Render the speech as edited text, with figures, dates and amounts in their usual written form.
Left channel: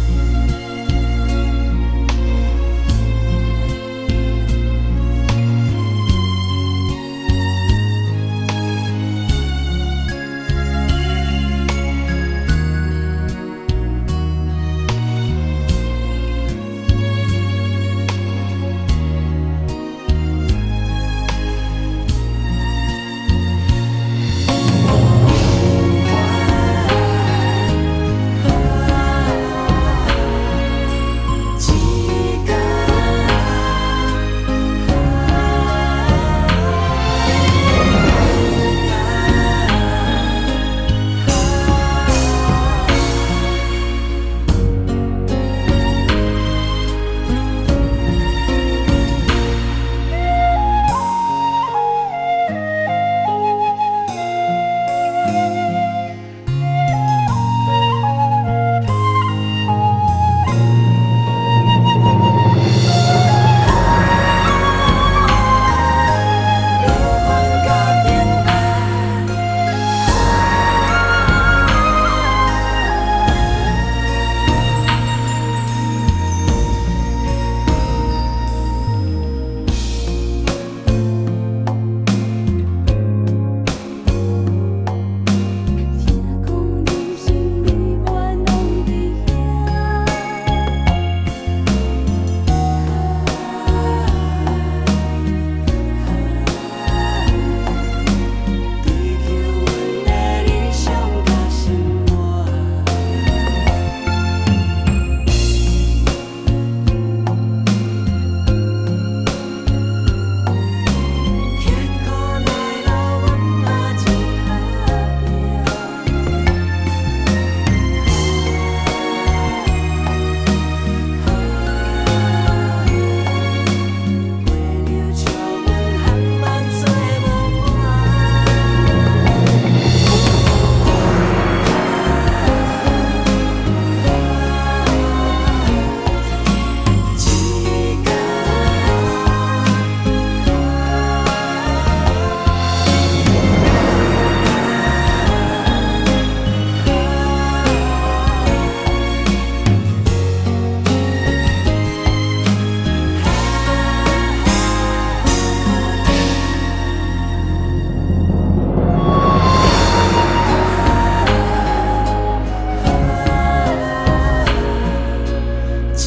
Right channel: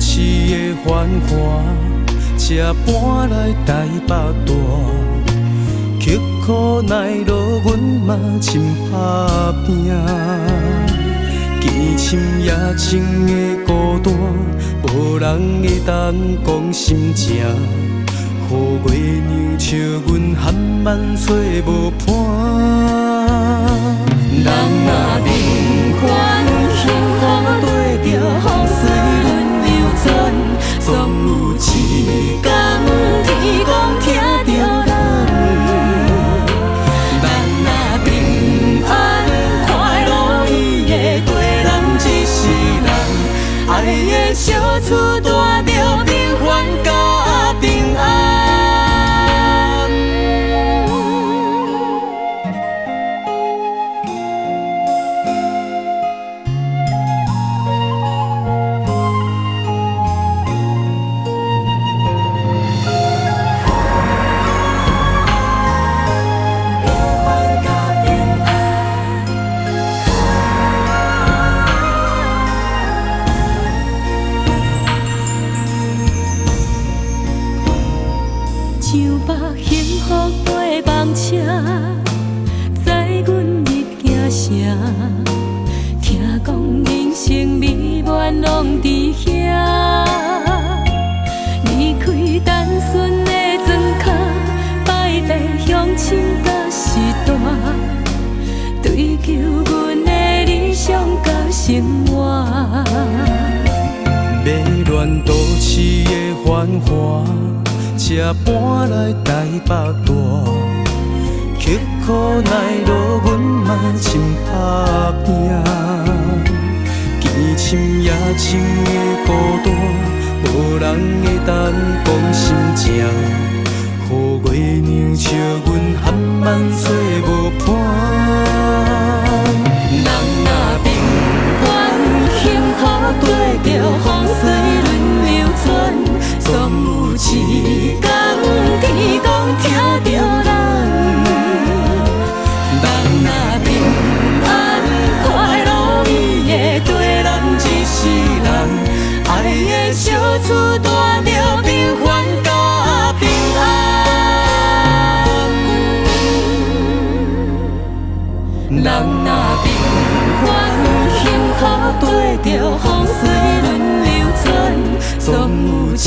市的繁华，才搬来台北大。曲苦耐劳，阮嘛真打拼。见深夜深的孤单，无人会当讲心情。雨月娘笑阮含万岁无伴。人若平凡，幸福对着风水轮流转，总有一天天公听着咱。人若平凡，快乐伊会过人一世人，爱的小厝住着平凡甲平安。上北幸福过梦车，载阮入行城，听讲人生美满拢伫遐。离开单纯的庄脚，摆地乡亲甲时代，追求阮的理想甲生活。迷乱都市的繁华，才搬来台北大，曲苦耐劳，阮嘛真打拼。见深夜深的孤单，无人会当讲心情。雨月娘笑阮含万岁无伴。人若平凡，幸福对着风水轮流转，总有一天天公听着咱。人若平凡，快乐伊会过人一世人，爱的小厝住着平凡甲平安。人若平凡，幸福对着风水轮流转，总有一